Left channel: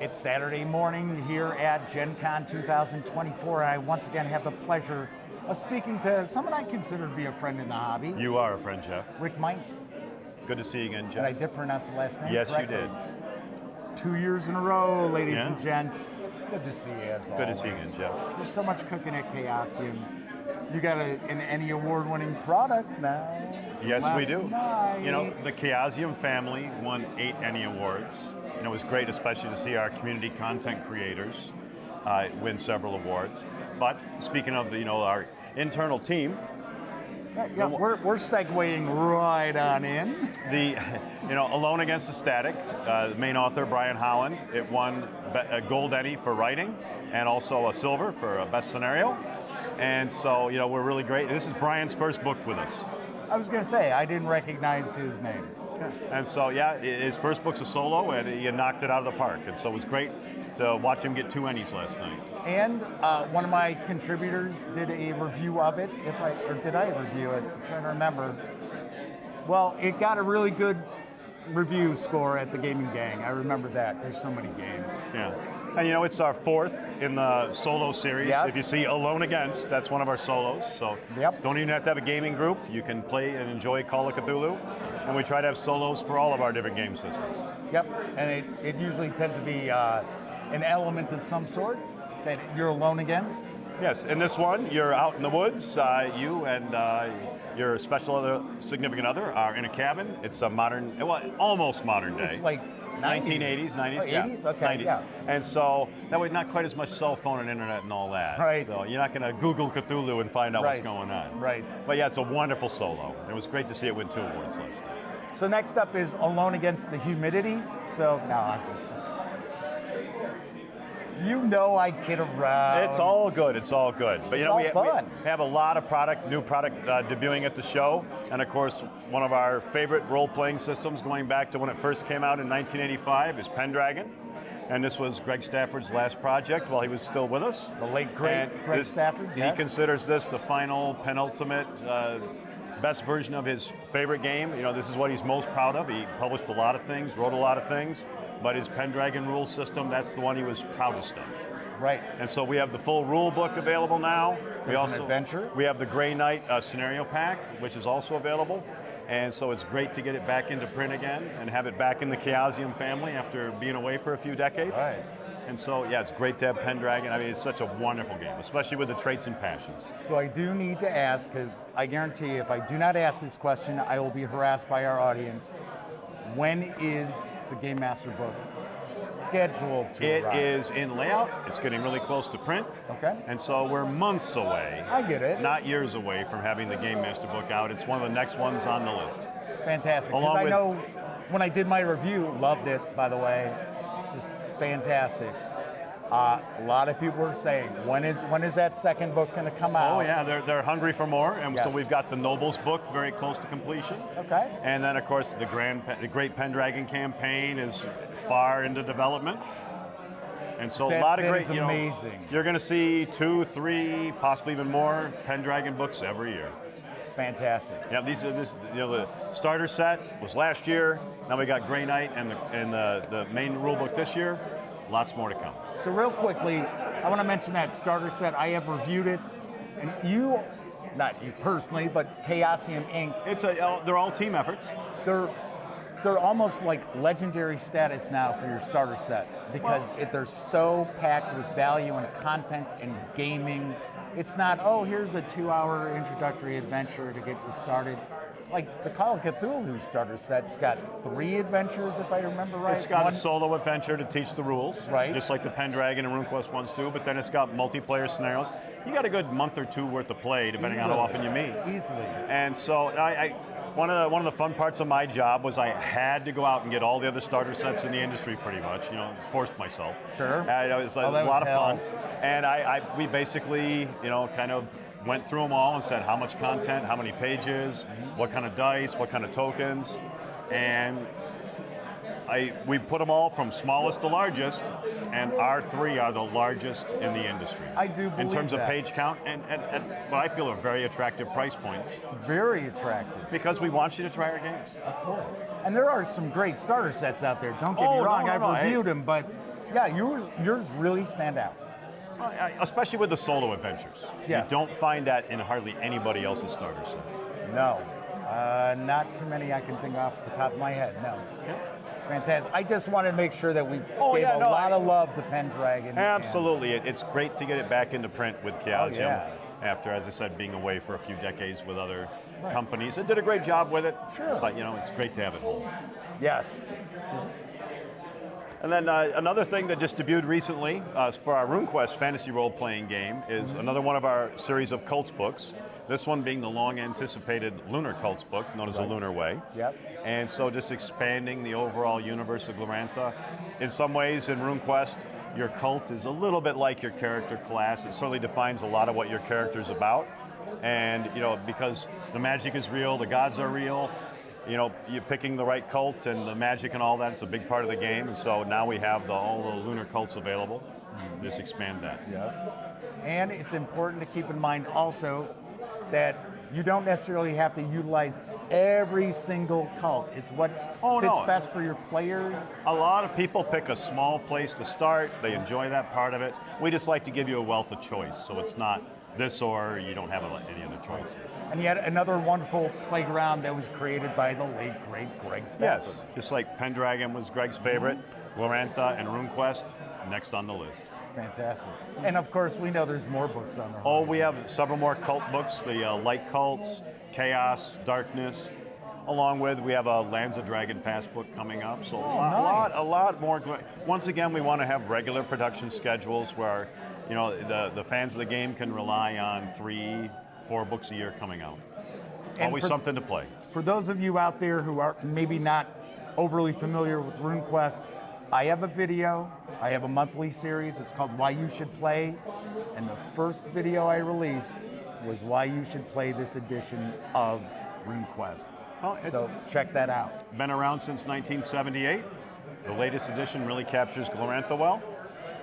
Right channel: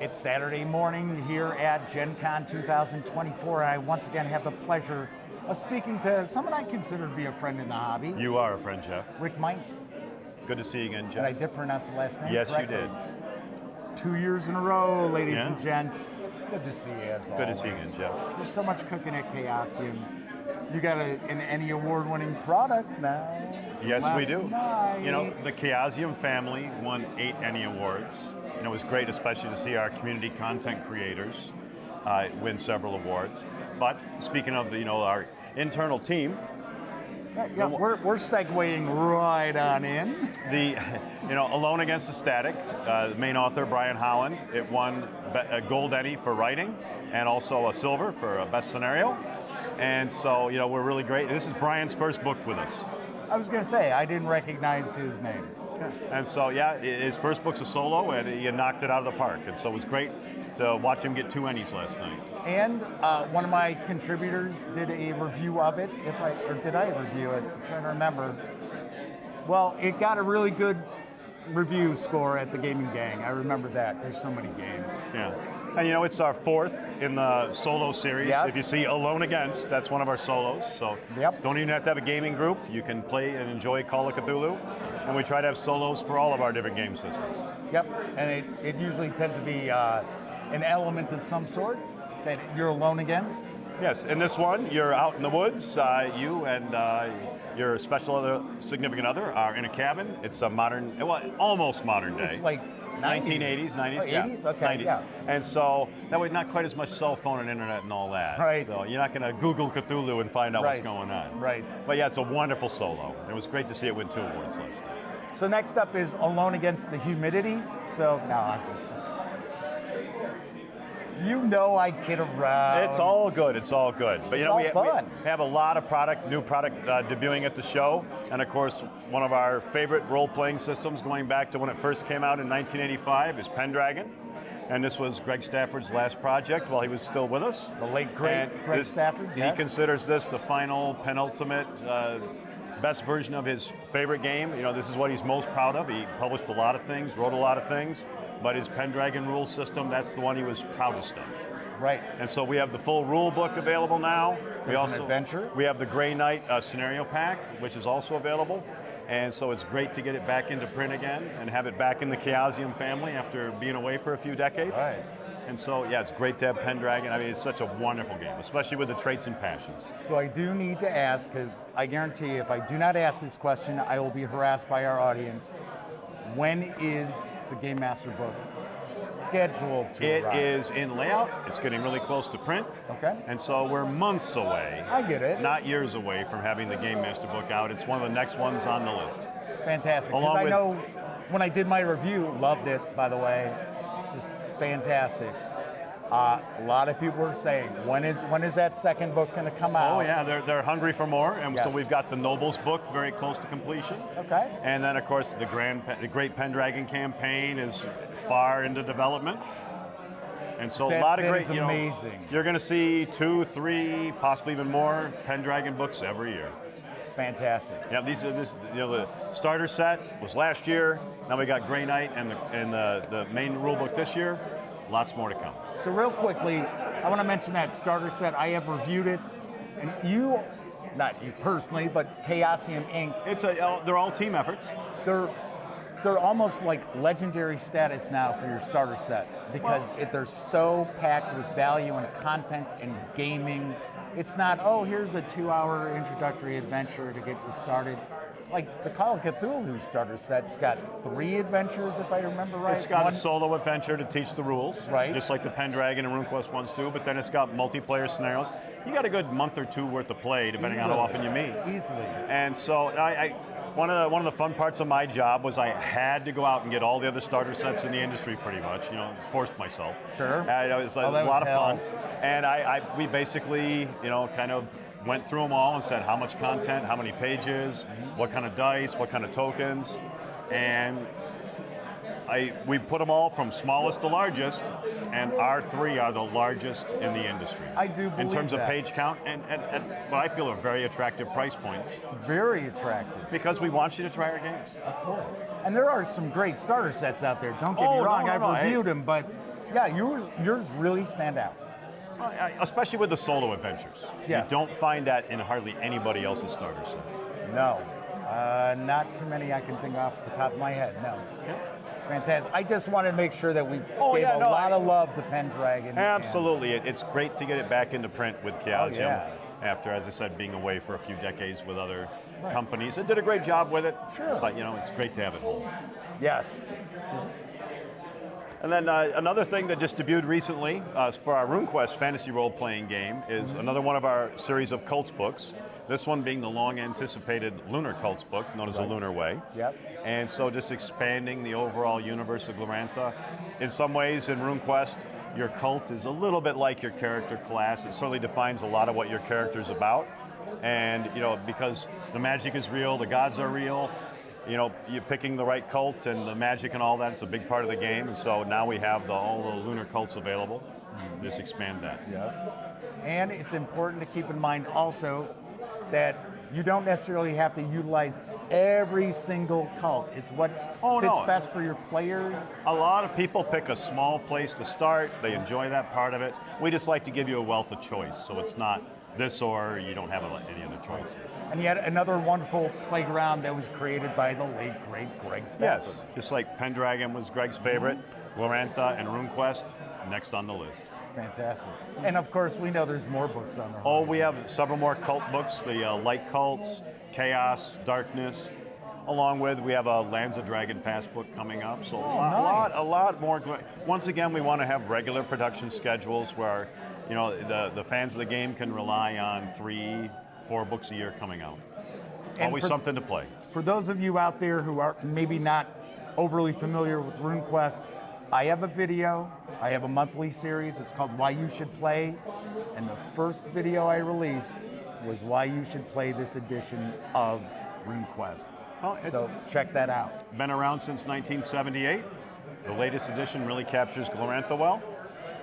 It's Saturday morning here at Gen Con 2024, and I once again have the pleasure of speaking to someone I consider to be a friend in the hobby. You are a friend, Jeff. Rick Mients. Good to see you again, Jeff. And I did pronounce the last name Yes, correctly. you did. 2 years in a row, ladies and gents. Good to see you as always. Good to see you again, Jeff. There's so much cooking at Chaosium. You got an Emmy award-winning product now. Yes, we do. Night. You know, the Chaosium family won 8 Emmy awards, and it was great, especially to see our community content creators win several awards. But speaking of our internal team, we're segueing right on in. Alone Against the Static, the main author Brian Holland, it won a gold Emmy for writing, and also a silver for best scenario. And so we're really great. This is Brian's first book with us. I was going to say, I didn't recognize his name. And so, his first book's a solo, and he knocked it out of the park. And so it was great to watch him get 2 Emmys last night. And one of my contributors did a review of it. Did I review it? I'm trying to remember. Well, it got a really good review score at the Gaming Gang. I remember that. There's so many games. Yeah. And it's our 4th in the solo series. Yes. If you see Alone Against, that's one of our solos. So don't even have to have a gaming group. You can play and enjoy Call of Cthulhu. And we try to have solos for all of our different game systems. Yep. And it usually tends to be an element of some sort that you're alone against. Yes. In this one, you're out in the woods. You and your significant other are in a cabin. It's a modern, almost modern day. It's like 1980s, 90s, oh, 80s? Okay, 90s. yeah. And so that way, not quite as much cell phone and internet and all that. Right. So you're not going to Google Cthulhu and find out what's going on. Right. But yeah, it's a wonderful solo. It was great to see it win 2 awards last night. So next up is Alone Against the Humidity. So I'm just... I kid around. It's all good. It's all good. But we have a lot of new product debuting at the show, and of course, one of our favorite role-playing systems, going back to when it first came out in 1985, is Pendragon. And this was Greg Stafford's last project while he was still with us. The late great Greg Stafford. He considers this the final, penultimate, best version of his favorite game. This is what he's most proud of. He published a lot of things, wrote a lot of things. But his Pendragon rule system, that's the one he was proudest of. Right. And so we have the full rule book available now. There's an adventure. We have the Grey Knight scenario pack, which is also available. And so it's great to get it back into print again and have it back in the Chaosium family after being away for a few decades. Right. And so, it's great to have Pendragon. I mean, it's such a wonderful game, especially with the traits and passions. So I do need to ask, because I guarantee if I do not ask this question, I will be harassed by our audience. When is the Game Master book scheduled to arrive? It is in layout. It's getting really close to print. Okay. And so we're months away. I get it. Not years away from having the Game Master book out. It's one of the next ones on the list. Fantastic. Because I know when I did my review, loved it, by the way. Just fantastic. A lot of people were saying, when is that second book going to come out? Oh yeah, they're hungry for more, and so we've got the Nobles book very close to completion. Okay. And then of course the Great Pendragon campaign is far into development, and so a lot of great. Amazing. You're going to see 2, 3, possibly even more Pendragon books every year. Fantastic. Yeah, the starter set was last year. Now we got Grey Knight and the main rule book this year. Lots more to come. So real quickly, I want to mention that starter set. I have reviewed it, and not you personally, but Chaosium Inc. They're all team efforts. They're almost like legendary status now for your starter sets because they're so packed with value and content and gaming. It's not, here's a 2-hour introductory adventure to get you started. Like the Call of Cthulhu starter set's got 3 adventures, if I remember right. It's got a solo adventure to teach the rules, right? Just like the Pendragon and RuneQuest ones do, but then it's got multiplayer scenarios. You got a good month or 2 worth of play, depending on how often you meet. Easily. And so one of the fun parts of my job was I had to go out and get all the other starter sets in the industry pretty much, forced myself. Sure. It was a lot of fun. And we basically, kind of went through them all and said how much content, how many pages, what kind of dice, what kind of tokens, and we put them all from smallest to largest, and our 3 are the largest in the industry. I do believe in terms that. of page count and what I feel are very attractive price points. Very attractive. Because we want you to try our games. Of course. And there are some great starter sets out there. Don't get me wrong, I've reviewed them, but Yeah, yours really stand out. Especially with the solo adventures. Yes. You don't find that in hardly anybody else's starter sets. No, not too many I can think off the top of my head. No. Fantastic. I just wanted to make sure that we gave a lot of love to Pendragon. Absolutely. It's great to get it back into print with Chaosium after, as I said, being away for a few decades with other companies. It did a great job with it. Sure. But, it's great to have it home. Yes. And then another thing that just debuted recently for our RuneQuest fantasy role-playing game is another one of our series of cults books. This one being the long-anticipated Lunar Cults book, known as the Lunar Way. Yep. And so just expanding the overall universe of Glorantha. In some ways, in RuneQuest, your cult is a little bit like your character class. It certainly defines a lot of what your character's about. And, because the magic is real, the gods are real, you're picking the right cult and the magic and all that, it's a big part of the game. And so now we have all the lunar cults available. Just expand that. Yes. And it's important to keep in mind also that you don't necessarily have to utilize every single cult. It's what fits best for your players. A lot of people pick a small place to start. They enjoy that part of it. We just like to give you a wealth of choice, so it's not this or you don't have any other choices. And yet another wonderful playground that was created by the late, great Greg Stafford. Yes, just like Pendragon was Greg's favorite, Glorantha and RuneQuest, next on the list. Fantastic. And of course, we know there's more books on there. Oh, we have several more cult books, the light cults, chaos, darkness, along with we have a Lands of Dragon Pass book coming up. So a lot more. Once again, we want to have regular production schedules where the fans of the game can rely on 3-4 books a year coming out. Always something to play. For those of you out there who are maybe not overly familiar with RuneQuest, I have a video. I have a monthly series. It's called Why You Should Play. And the first video I released was why you should play this edition of RuneQuest. So check that out. Been around since 1978. The latest edition really captures Glorantha well.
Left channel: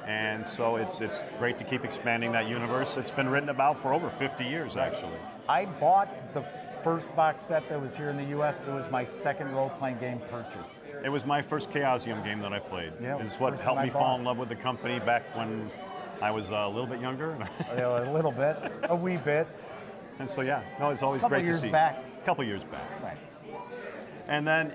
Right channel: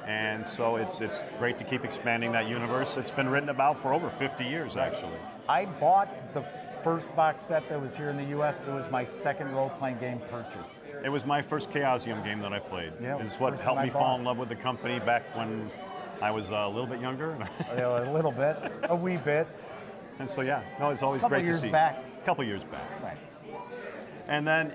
And so it's great to keep expanding that universe. It's been written about for over 50 years, actually. I bought the first box set that was here in the U.S. It was my second role-playing game purchase. It was my first Chaosium game that I played. Yeah, it's what helped me fall in love with the company back when I was a little bit younger. A little bit, a wee bit. And so it's always great to see. A couple years back. Right. And then,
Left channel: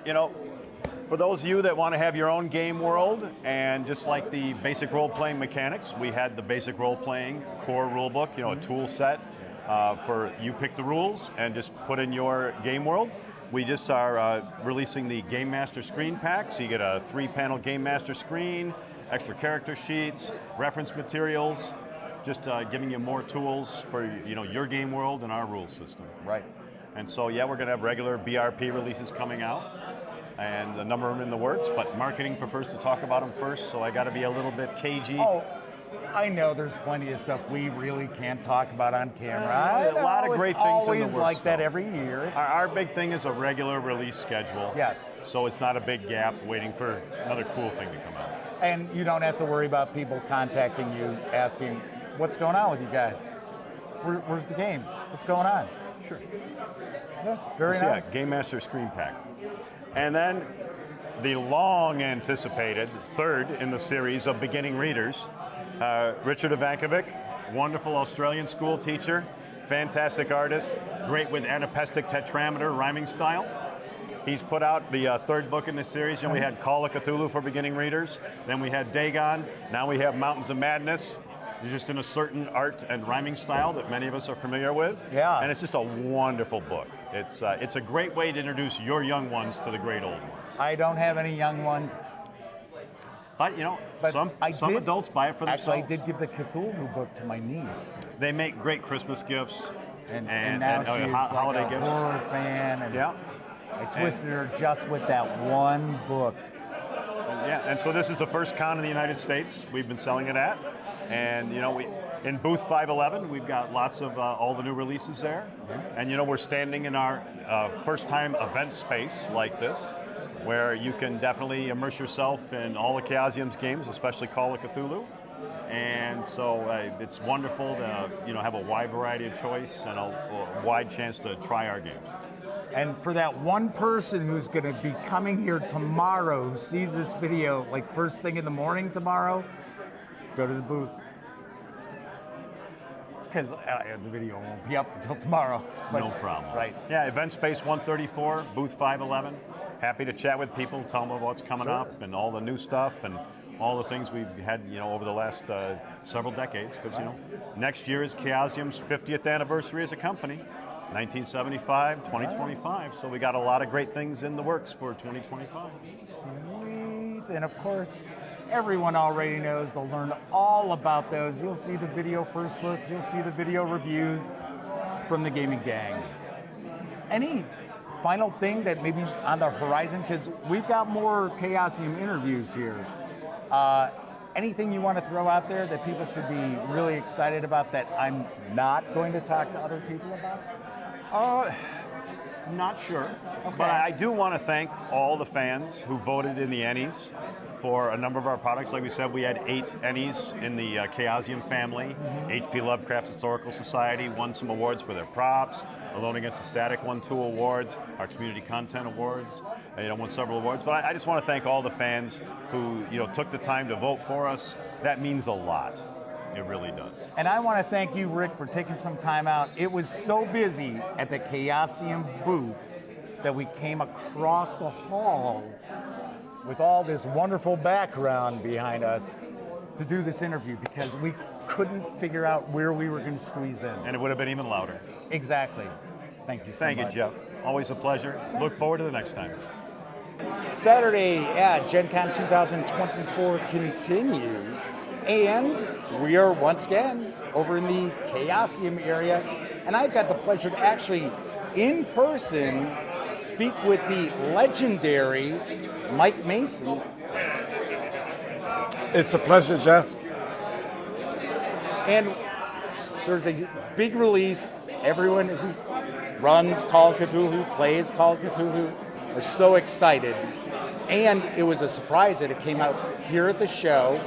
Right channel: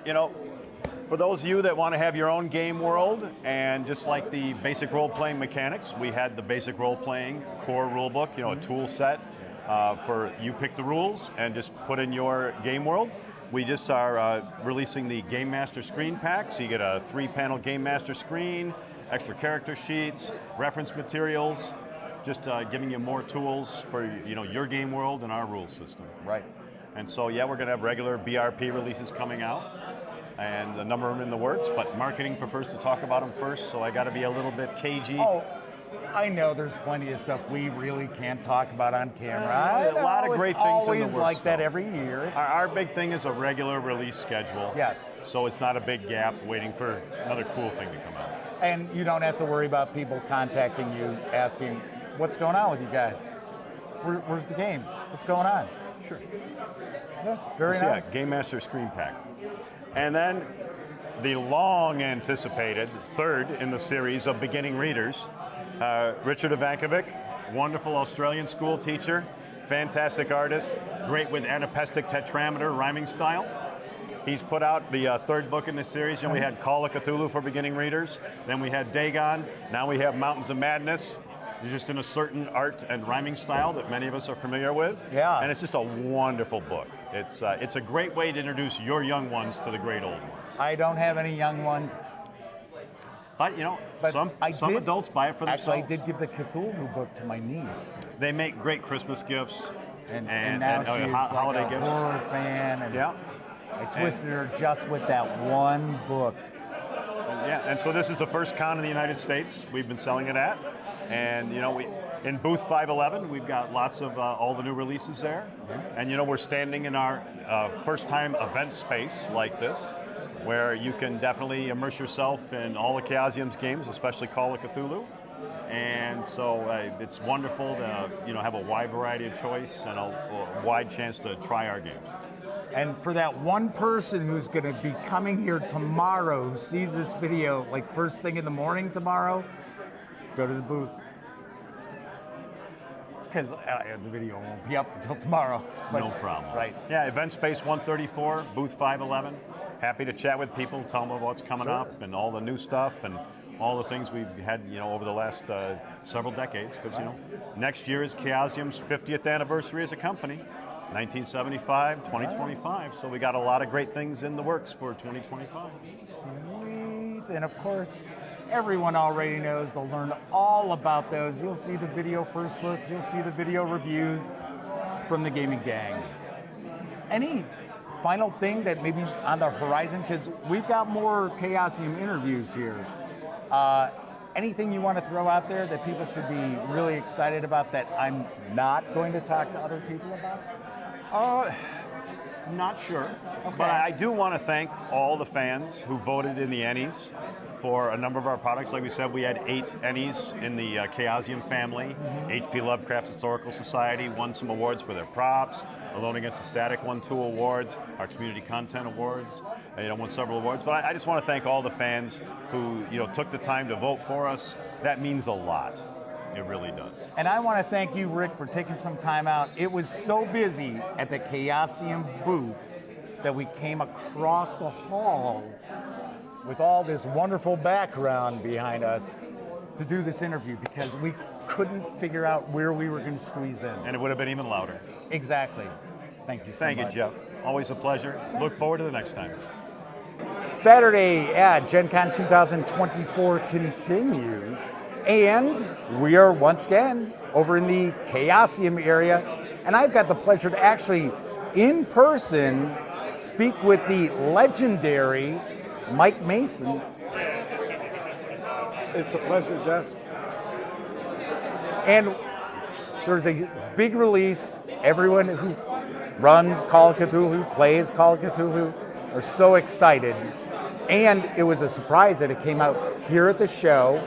for those of you that want to have your own game world, and just like the basic role-playing mechanics, we had the basic role-playing core rulebook, a tool set for you pick the rules and just put in your game world. We just are releasing the Game Master screen pack, so you get a 3-panel Game Master screen, extra character sheets, reference materials, just giving you more tools for your game world and our rule system. Right. And so we're going to have regular BRP releases coming out, and a number of them in the works, but marketing prefers to talk about them first, so I got to be a little bit cagey. Oh, I know there's plenty of stuff we really can't talk about on camera. A lot of great things in the works. Always like that every year. Our big thing is a regular release schedule. Yes. So it's not a big gap waiting for another cool thing to come out. And you don't have to worry about people contacting you asking, what's going on with you guys? Where's the games? What's going on? Sure. Yeah, very nice. Yeah, Game Master screen pack. And then the long-anticipated third in the series of beginning readers, Richard Ivankovic, wonderful Australian school teacher, fantastic artist, great with anapestic tetrameter rhyming style. He's put out the third book in the series, and we had Call of Cthulhu for beginning readers, then we had Dagon, now we have Mountains of Madness, just in a certain art and rhyming style that many of us are familiar with. Yeah. And it's just a wonderful book. It's a great way to introduce your young ones to the great old ones. I don't have any young ones. But some adults buy it for themselves. Actually, I did give the Cthulhu book to my niece. They make great Christmas gifts and now she's holiday like a gifts. horror fan. And yeah. I twisted her just with that one book. And so this is the first con in the United States we've been selling it at. And we in booth 511, we've got lots of all the new releases there. And we're standing in our first time event space like this, where you can definitely immerse yourself in all the Chaosium's games, especially Call of Cthulhu. And so it's wonderful to have a wide variety of choice and a wide chance to try our games. And for that one person who's going to be coming here tomorrow, who sees this video like first thing in the morning tomorrow, go to the booth. Because the video won't be up until tomorrow. But, no problem. Right. Yeah, Event Space 134, booth 511. Happy to chat with people, tell them about what's coming up and all the new stuff and all the things we've had, over the last several decades. Because, next year is Chaosium's 50th anniversary as a company, 1975, 2025. So we got a lot of great things in the works for 2025. Sweet. And of course, everyone already knows. They'll learn all about those. You'll see the video first looks. You'll see the video reviews from the gaming gang. Any final thing that maybe is on the horizon? Because we've got more Chaosium interviews here. Anything you want to throw out there that people should be really excited about that I'm not going to talk to other people about? Not sure, Okay. but I do want to thank all the fans who voted in the Ennies for a number of our products. Like we said, we had 8 Ennies in the Chaosium family. H.P. Lovecraft's Historical Society won some awards for their props. Alone Against the Static won 2 awards. Our Community Content Awards won several awards. But I just want to thank all the fans who took the time to vote for us. That means a lot. It really does. And I want to thank you, Rick, for taking some time out. It was so busy at the Chaosium booth that we came across the hall with all this wonderful background behind us to do this interview because we couldn't figure out where we were going to squeeze in. And it would have been even louder. Exactly. Thank you so much. Thank you, Jeff. Always a pleasure. Look forward to the next time. Saturday at Gen Con 2024 continues, and we are once again over in the Chaosium area, and I've got the pleasure to actually, in person, speak with the legendary Mike Mason. It's a pleasure, Jeff. And there's a big release. Everyone who runs Call of Cthulhu, plays Call of Cthulhu, are so excited. And it was a surprise that it came out here at the show.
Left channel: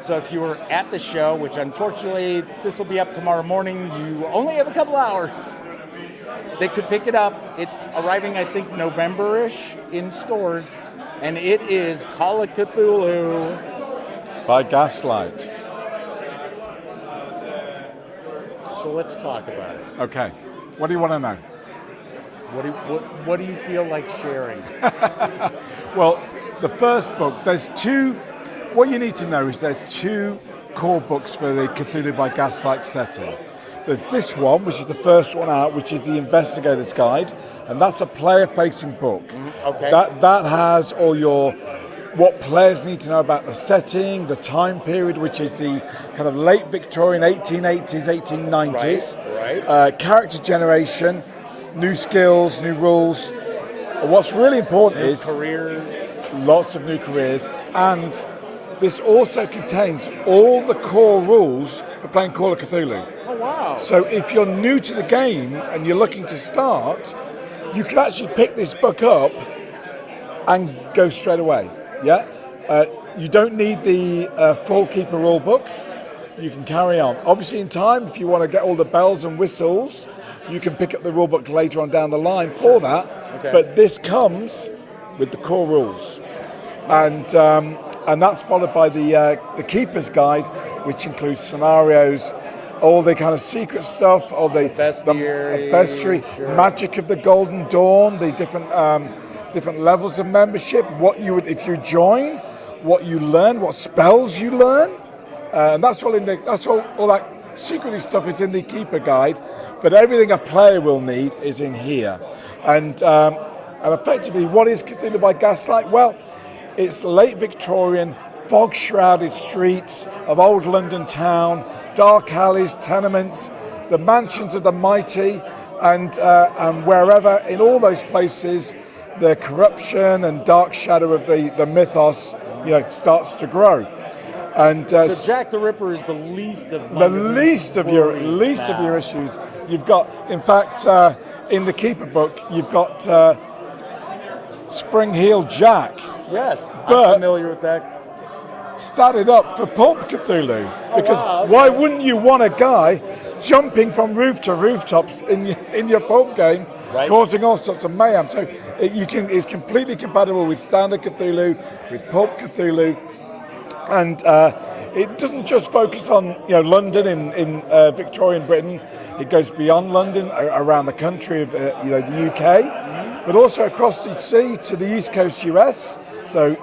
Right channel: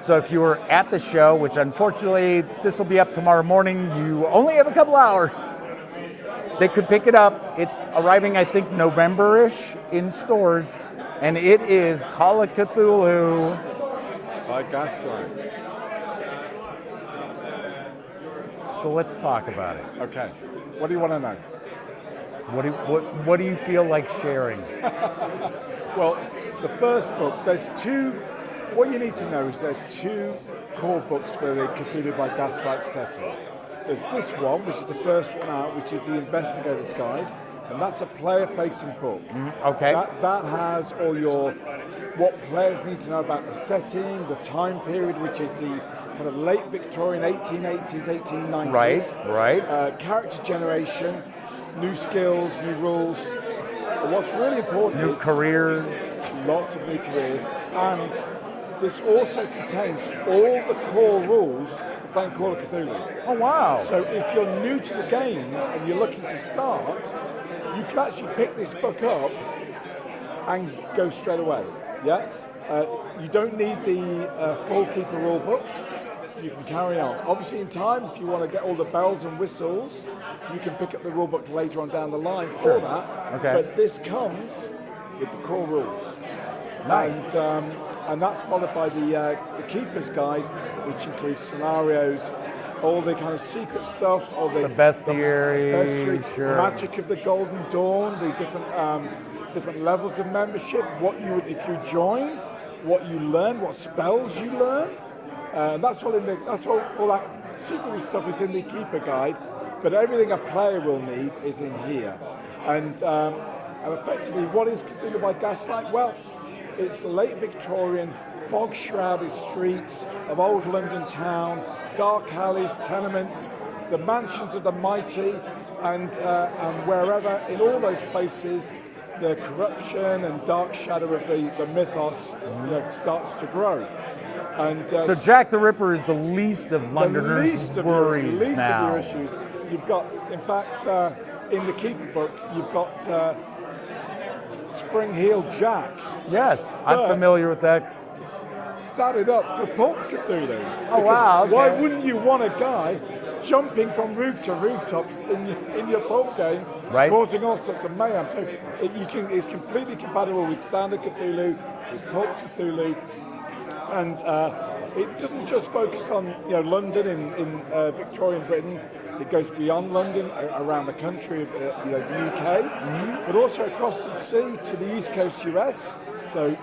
So if you were at the show, which unfortunately this will be up tomorrow morning, you only have a couple hours. They could pick it up. It's arriving, I think, November-ish in stores. And it is Call of Cthulhu By Gaslight. So let's talk about it. Okay. What do you want to know? What do you feel like sharing? Well, the first book, there's 2. What you need to know is there's 2 core books for the Cthulhu by Gaslight setting. There's this one, which is the first one out, which is the Investigator's Guide, and that's a player-facing book. Okay. That has all your what players need to know about the setting, the time period, which is the kind of late Victorian 1880s, 1890s. Right. Character generation, new skills, new rules. And what's really important New is career. lots of new careers, and this also contains all the core rules for playing Call of Cthulhu. Oh, wow. So if you're new to the game and you're looking to start, you can actually pick this book up and go straight away. Yeah, you don't need the full Keeper rule book. You can carry on. Obviously, in time, if you want to get all the bells and whistles, you can pick up the rule book later on down the line for that. Okay. But this comes with the core rules, and that's followed by the Keeper's Guide, which includes scenarios, all the kind of secret stuff, all the bestiary, sure. magic of the Golden Dawn, the different levels of membership, what you would, if you join, what you learn, what spells you learn, and that's all in the, all that secretly stuff is in the Keeper Guide, but everything a player will need is in here. And effectively, what is Cthulhu by Gaslight? Well, it's late Victorian, fog-shrouded streets of old London town, dark alleys, tenements, the mansions of the mighty, and wherever, in all those places, the corruption and dark shadow of the mythos, starts to grow. And So Jack the Ripper is the least of Londoners' worries of your issues. You've got, in fact, in the Keeper book, you've got Spring Heel Jack. Yes, But- I'm familiar with that. Started up for Pulp Cthulhu. Oh, Because wow, okay. why wouldn't you want a guy jumping from roof to rooftops in your pulp game, Right. causing all sorts of mayhem. So it's completely compatible with standard Cthulhu, with pulp Cthulhu, and it doesn't just focus on London in Victorian Britain. It goes beyond London, around the country of the UK, but also across the sea to the East Coast US. So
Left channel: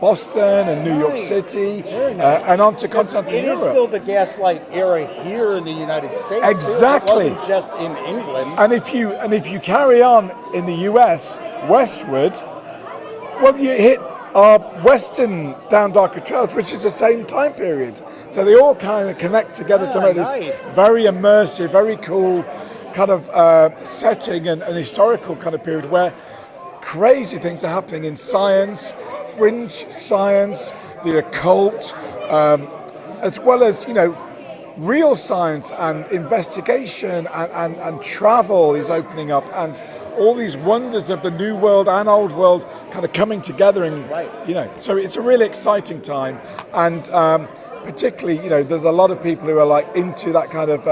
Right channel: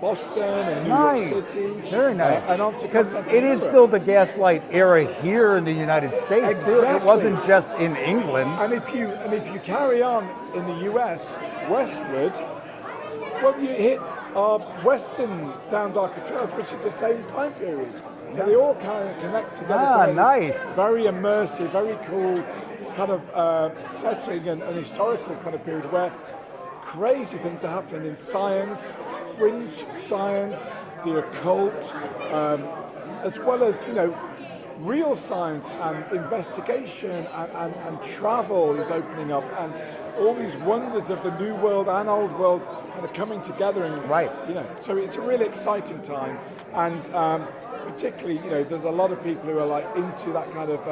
Boston and New York City, Very nice. and on to 'Cause continental it is Europe. still the Gaslight era here in the United States. Exactly. It wasn't just in England. And if you carry on in the US westward, well, you hit our western Down Darker Trails, which is the same time period. So they all kind of connect together to make nice. this very immersive, very cool kind of setting and historical kind of period where crazy things are happening in science, fringe science, the occult, as well as real science and investigation and travel is opening up, and all these wonders of the new world and old world kind of coming together so it's a really exciting time, and particularly there's a lot of people who are like into that kind of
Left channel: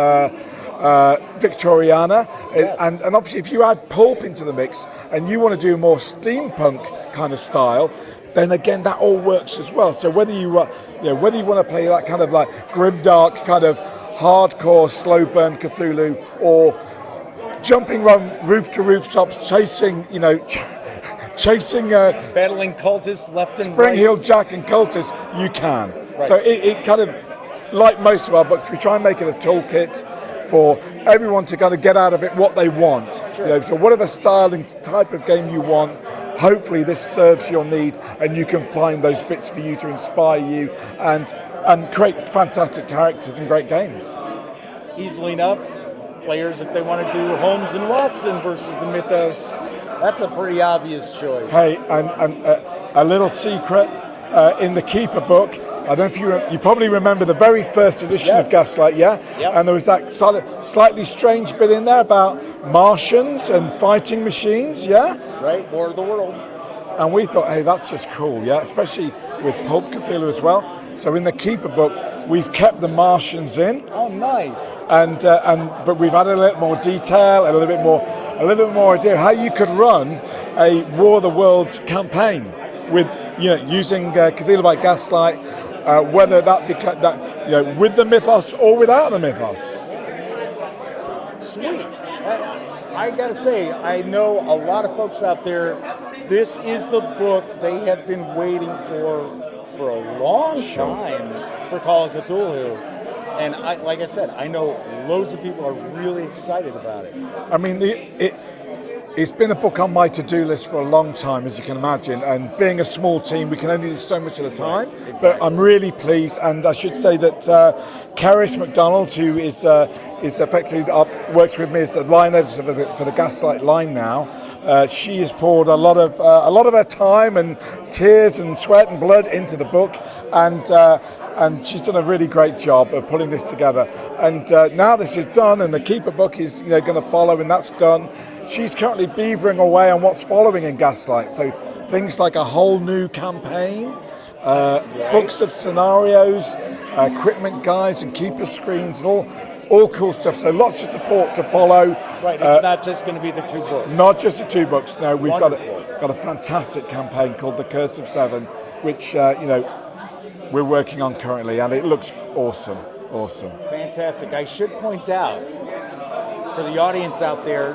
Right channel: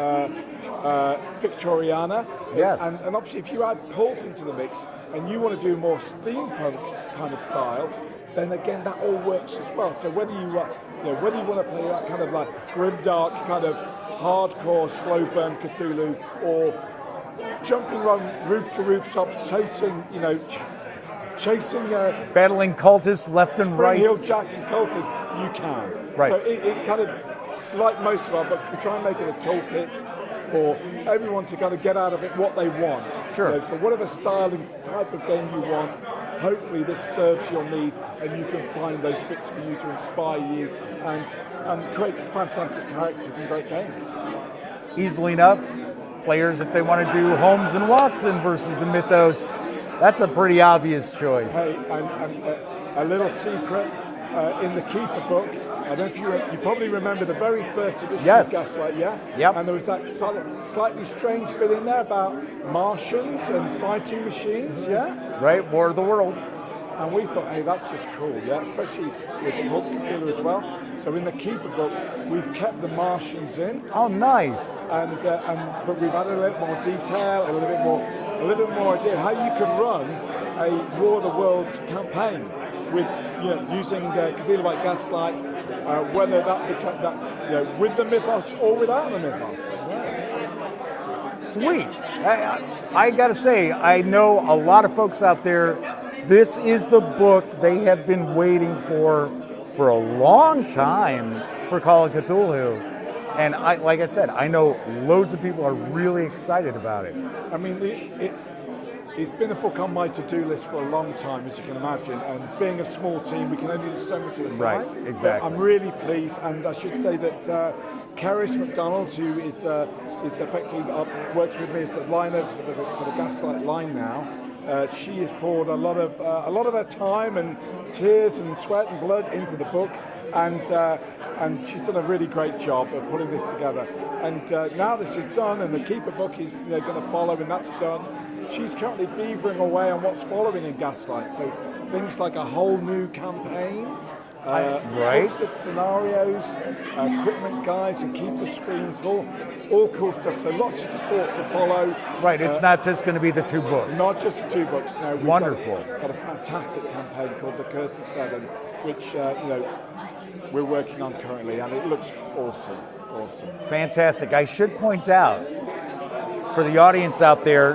Victoriana, Yes. and obviously if you add pulp into the mix and you want to do more steampunk kind of style, then again that all works as well. So whether you want to play that kind of like grimdark kind of hardcore slow burn Cthulhu, or jumping from roof to rooftops, chasing Battling cultists left and Spring right. Hill Jack and cultists, you can. Right. So it kind of, like most of our books, we try and make it a toolkit for everyone to kind of get out of it what they want. Sure. So whatever style and type of game you want, hopefully this serves your need, and you can find those bits for you to inspire you and create fantastic characters and great games. Easily enough, players, if they want to do Holmes and Watson versus the Mythos, that's a pretty obvious choice. Hey, and a little secret in the Keeper book. I don't know if you probably remember the very first edition Yes. of Gaslight, yeah? Yep. And there was that slightly strange bit in there about Martians and fighting machines, yeah? Right? War of the Worlds. And we thought, hey, that's just cool, yeah? Especially with Pulp Cthulhu as well. So in the Keeper book, we've kept the Martians in, Oh, nice. but we've added a little more detail and a little bit more idea how you could run a War of the Worlds campaign with using Cthulhu by Gaslight, whether that with the mythos or without the mythos. Sweet. I gotta say, I know a lot of folks out there, this is the book they have been waiting for a long time for Call of Cthulhu. And like I said, I know loads of people are really excited about it. I mean, it's been a book on my to-do list for a long time, as you can imagine, and being a small team, we can only do so much at a time. Right, exactly. But I'm really pleased, and I should say that Caris MacDonald, who is effectively works with me as the line editor for the Gaslight line now, she has poured a lot of her time and tears and sweat and blood into the book, and she's done a really great job of putting this together. And now this is done, and the Keeper book is going to follow, and that's done. She's currently beavering away on what's following in Gaslight. So things like a whole new campaign, books of scenarios, equipment guides and keeper screens, and all cool stuff. So lots of support to follow. Right, it's not just going to be the two books. Not just the 2 books. No, we've got Wonderful. a fantastic campaign called The Curse of Seven, which we're working on currently, and it looks awesome. Awesome. Fantastic. I should point out, for the audience out there,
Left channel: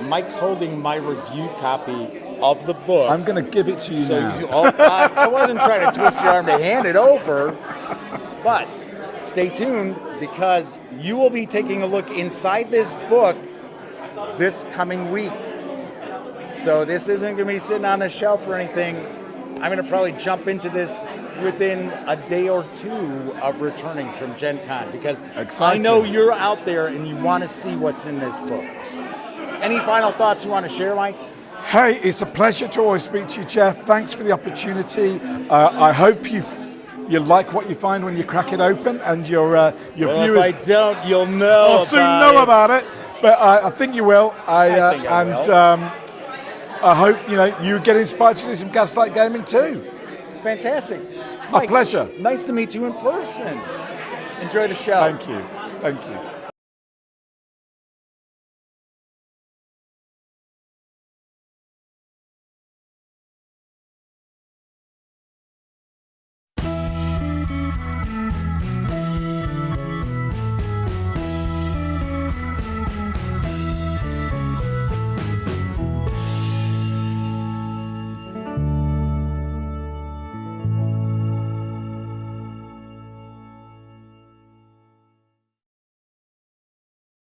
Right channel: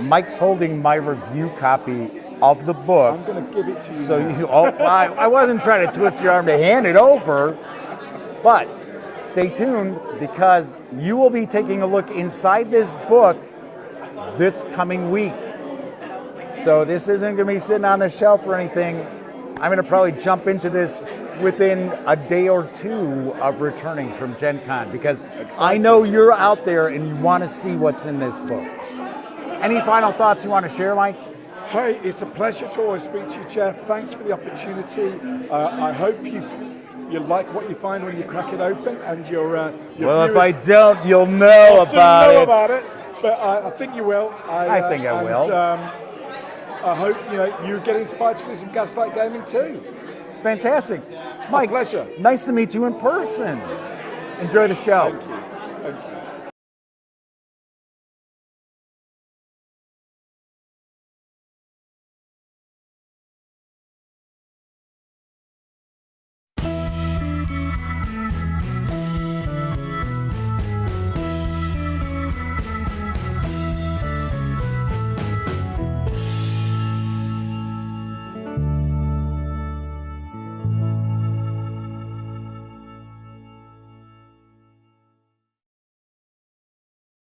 Mike's holding my review copy of the book. I'm going to give it to you So now. I wasn't trying to twist your arm to hand it over, but stay tuned, because you will be taking a look inside this book this coming week. So this isn't going to be sitting on a shelf or anything. I'm going to probably jump into this within a day or two of returning from Gen Con, because I know you're out there and you want to see what's in this book. Any final thoughts you want to share, Mike? Hey, it's a pleasure to always speak to you, Jeff. Thanks for the opportunity. I hope you like what you find when you crack it open, and your Well, viewers if I don't, you'll know will about soon know it. about it. But I think you will. I think I will. I hope you get inspired to do some Gaslight gaming too. Fantastic. My Mike, pleasure. Nice to meet you in person. Enjoy the show. Thank you.